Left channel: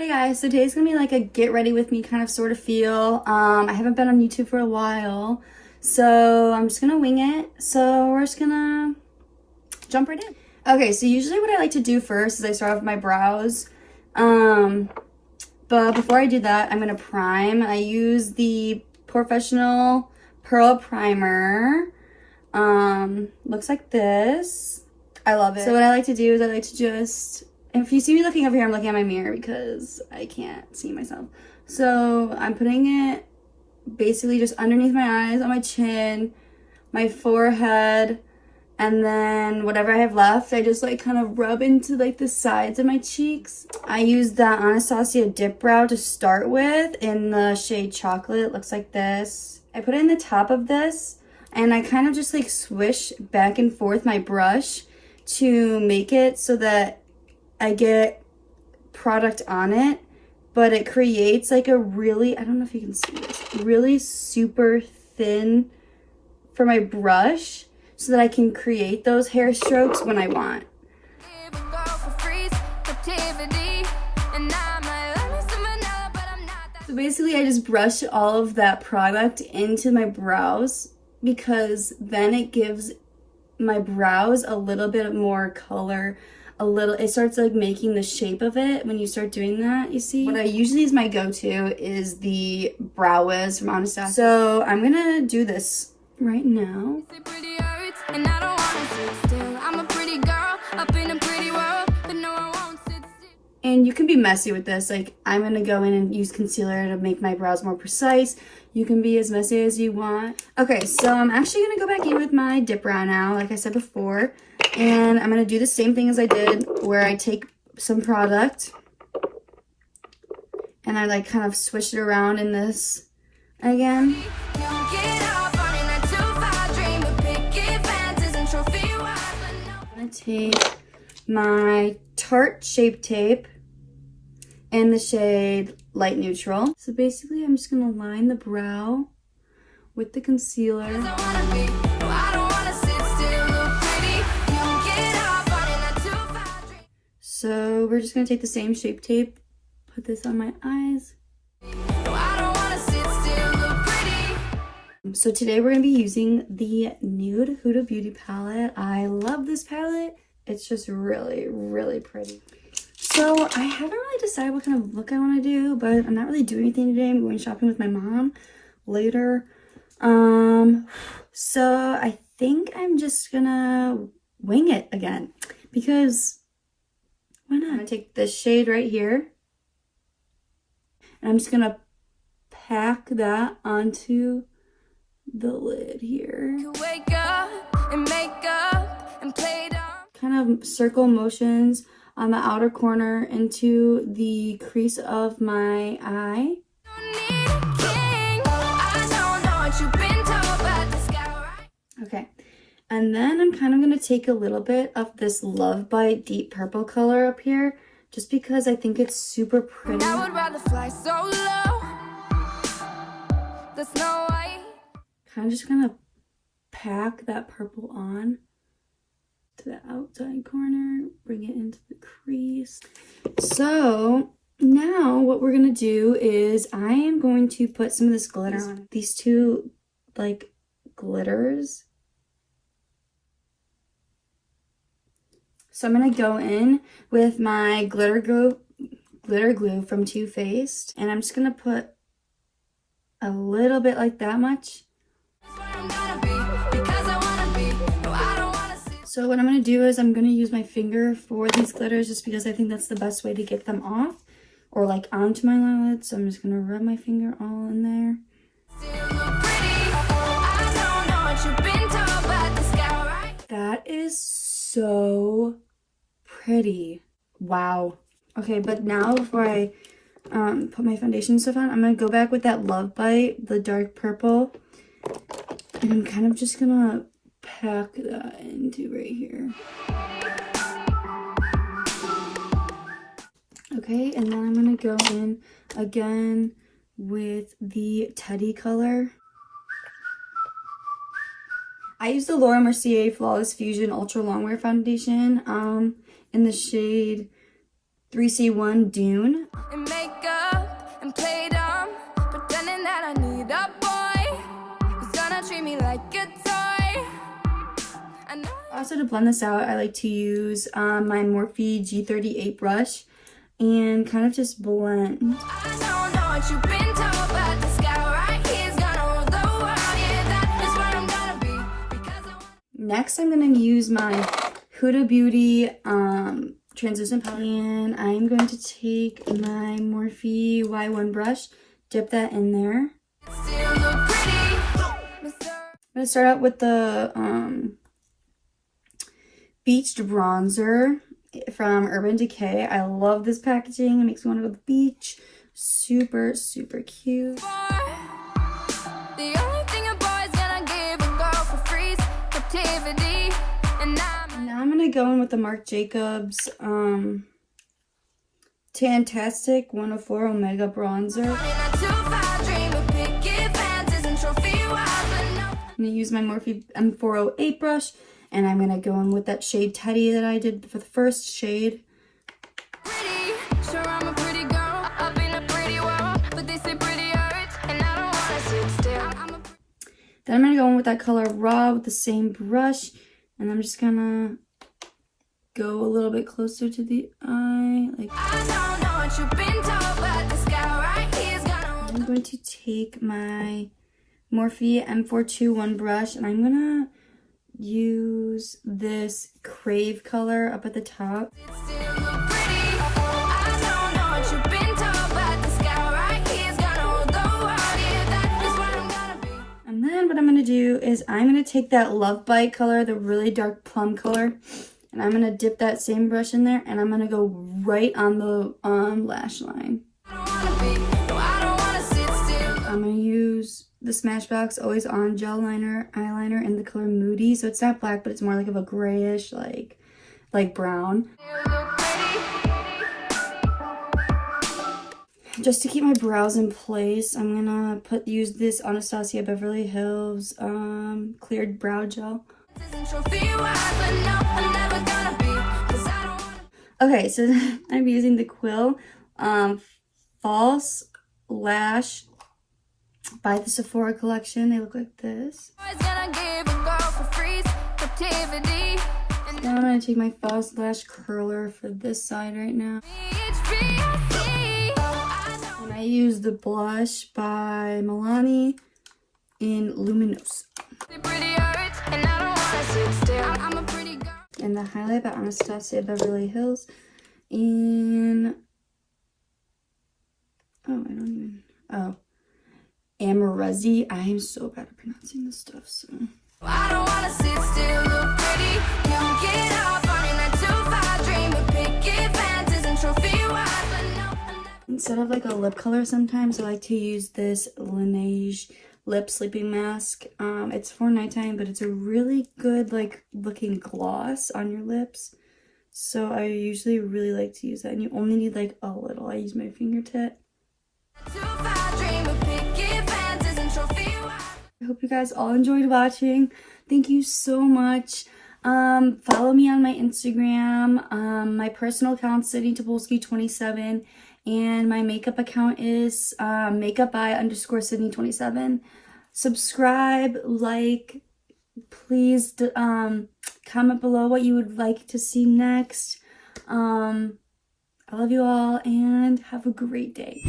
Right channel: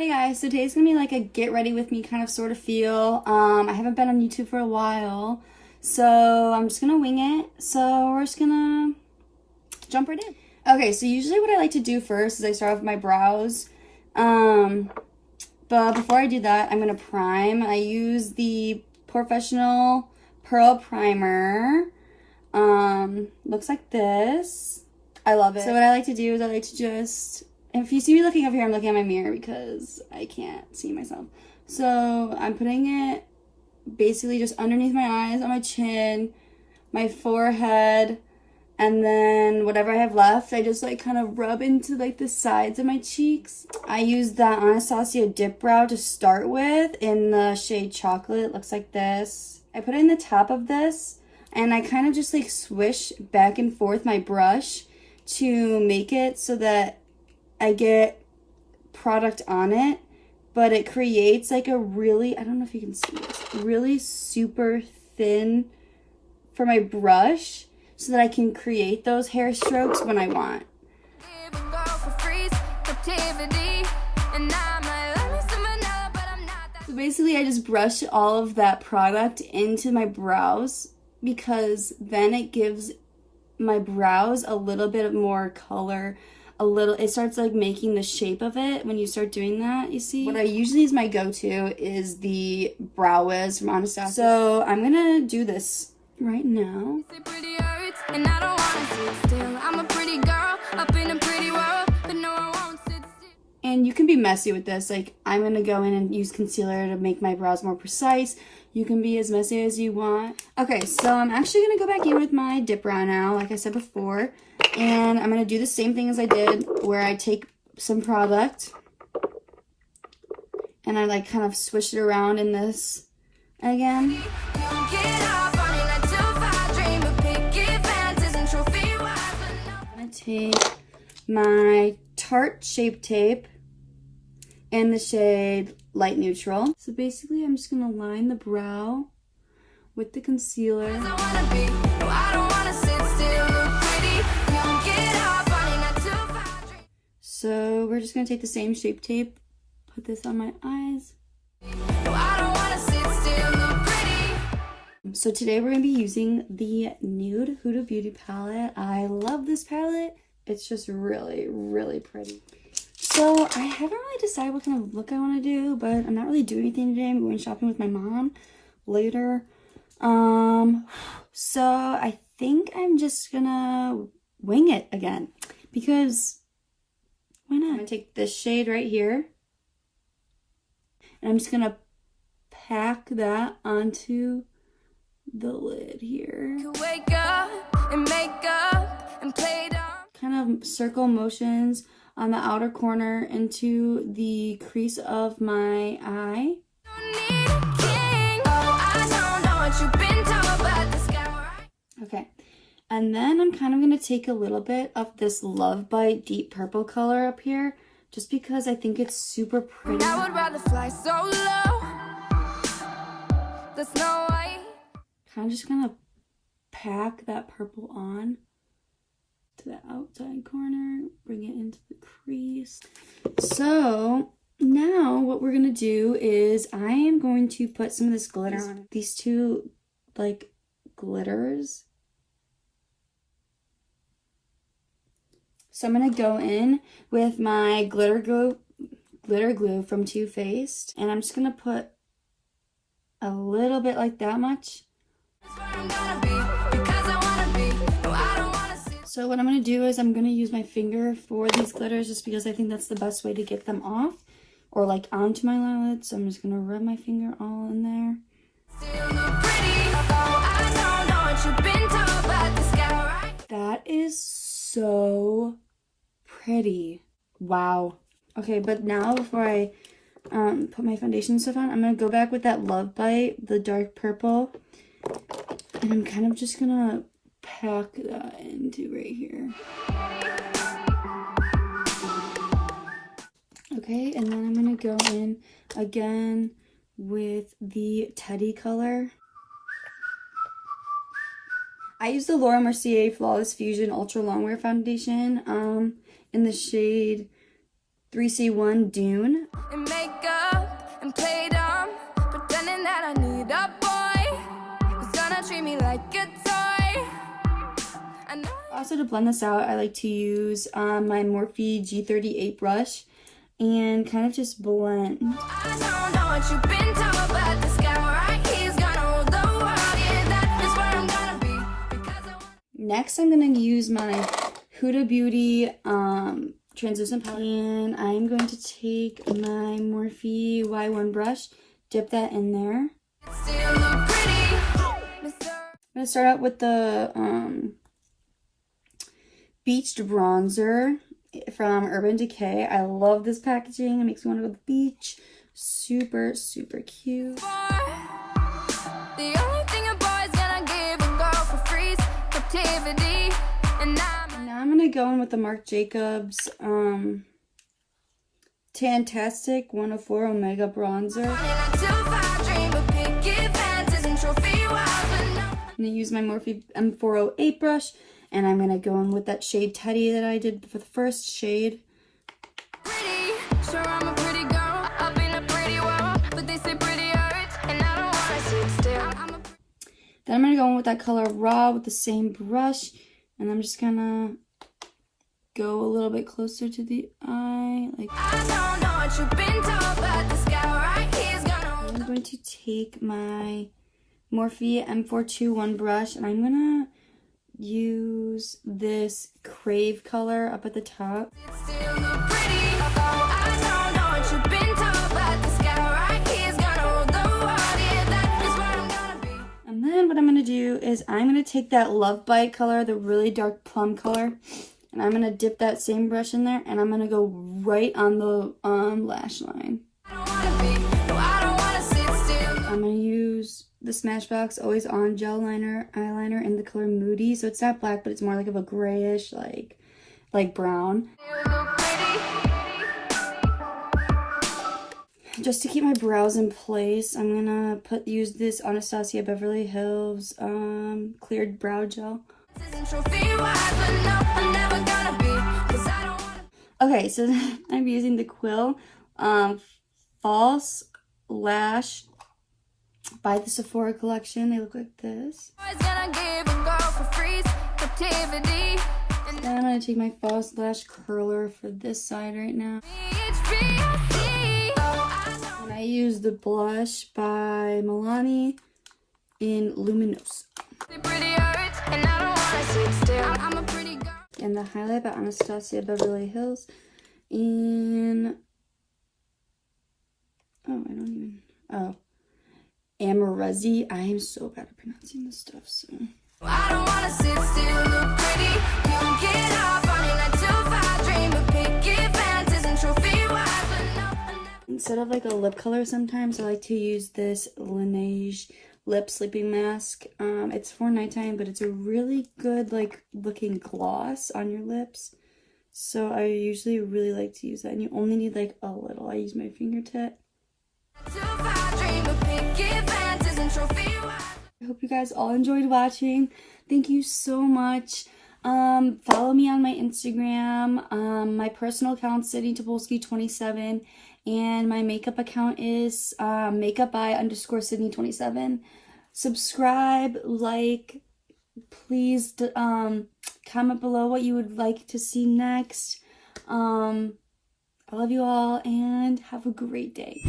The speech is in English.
Hey guys, so today's gonna be like a get ready with me kind of sort of feel. I haven't been on YouTube for a while, so I'm just gonna wing it. So we're just gonna jump right in. Okay, so usually what I like to do first is I start off with my brows. But before I do that, I'm gonna prime. I use the Professional Pearl Primer. Looks like this. I love it. So what I like to do is I like to just, if you see me looking over here, I'm looking at my mirror because I can't see myself. So I'm putting it basically just underneath my eyes, on my chin, my forehead, and then whatever I have left, I just like kind of rub into like the sides of my cheeks. I use the Anastasia Dip Brow to start with in the shade Chocolate. It looks like this. I put it in the top of this and I kind of just like swish back and forth my brush to make it so that I get product on it, but it creates like a really, I don't know if you can see this, really super thin for my brush so that I can create those hair strokes when I want. So basically I just brush all of that product into my brows because then it gives my brows a little bit more color. It starts like making the shape of it when you start doing that, you see? What I usually use my go-to is the Brow Wiz from Anastasia. So I'm gonna do this right now. And you can be messy with this. Like I'm gonna go in and use concealer to make my brows more precise. You can be as messy as you want. Okay, so I'm actually gonna go back in with my dip brow now, like I said before. And I'm going to do the same thing as I did where I take some product and I like kind of swish it around in this again. I'm going to take my Tarte Shape Tape in the shade Light Neutral. So basically I'm just going to line the brow with the concealer. So we're just going to take the same Shape Tape, put this on my eyes. So today we're going to be using the Nude Huda Beauty palette. I love this palette. It's just really, really pretty. So I haven't really decided what kind of look I want to do, but I'm not really doing anything today. I'm going shopping with my mom later. So I think I'm just going to wing it again because why not? I'm going to take this shade right here and I'm just going to pack that onto the lid here. Wake up and make up and play down. Kind of circle motions on the outer corner into the crease of my eye. Okay. And then I'm kind of going to take a little bit of this Love Bite Deep Purple color up here, just because I think it's super pretty. I would rather fly so low. The Snow White. Kind of just going to pack that purple on to the outside corner, bring it into the crease. So now what we're going to do is I am going to put some of this glitter on. These two like glitters. So I'm going to go in with my glitter glue from Too Faced. And I'm just going to put a little bit like that much. So what I'm going to do is I'm going to use my finger for these glitters just because I think that's the best way to get them off or like onto my eyelids. So I'm just going to rub my finger all in there. That is so pretty. Wow. Okay, but now before I put my foundation stuff on, I'm going to go back with that Love Bite, the dark purple. And I'm kind of just going to pack that into right here. Okay, and then I'm going to go in again with the Teddy color. I use the Laura Mercier Flawless Fusion Ultra Longwear Foundation in the shade 3C1 Dune. And makeup and play dumb, pretending that I need a boy who's gonna treat me like a toy. Also, to blend this out, I like to use my Morphe G38 brush and kind of just blend. I don't know what you've been told, but this guy right here's gonna rule the world. Yeah, that is where I'm gonna be. Next, I'm gonna use my Huda Beauty translucent palette, and I'm going to take my Morphe Y1 brush, dip that in there. Still look pretty, Mr. I'm gonna start out with the Beached Bronzer from Urban Decay. I love this packaging. It makes me want to go to the beach. Super, super cute. The only thing a boy's gonna give a girl for free is captivity. And now I'm gonna go in with the Marc Jacobs Tantastic 104 Omega Bronzer. I'm gonna use my Morphe M408 brush, and I'm gonna go in with that shade Teddy that I did for the first shade. Pretty, sure I'm a pretty girl, up in a pretty world, but they say pretty hurts, and I don't wanna sit still. Then I'm gonna go in with that color Raw with the same brush, and I'm just gonna go a little bit closer to the eye. Like, I don't know what you've been told, but this guy right here's gonna. I'm going to take my Morphe M421 brush, and I'm gonna use this Crave color up at the top. Still look pretty. Oh, I don't know what you've been told, but this guy right here's gonna rule the world. Yeah, that is where I'm gonna be. And then what I'm gonna do is I'm gonna take that Love Bite color, the really dark plum color, and I'm gonna dip that same brush in there, and I'm gonna go right on the lash line. I don't wanna be, no, I don't wanna sit still. I'm gonna use the Smashbox Always On Gel Eyeliner in the color Moody. So it's not black, but it's more like of a grayish, like brown. Still look pretty. Just to keep my brows in place, I'm gonna use this Anastasia Beverly Hills cleared brow gel. Okay, so I'm using the Quill False Lash by the Sephora collection. They look like this. Now I'm going to take my false lash curler for this side right now. And I use the blush by Milani in Luminous. And the highlight by Anastasia Beverly Hills in Amarezzi. I am so bad at pronouncing this stuff, so. I don't wanna sit still, look pretty. You get up on your 9 to 5, dream of picket fences and trophy wives, but no. Instead of like a lip color, sometimes I like to use this Laneige lip sleeping mask. It's for nighttime, but it's a really good like looking gloss on your lips. So I usually really like to use that, and you only need like a little. I use my fingertip. I hope you guys all enjoyed watching. Thank you so much. Follow me on my Instagram. My personal account is Tobolski27, and my makeup account is makeup_Sydney27. Subscribe, like, please comment below what you would like to see next. I love you all, and have a great day.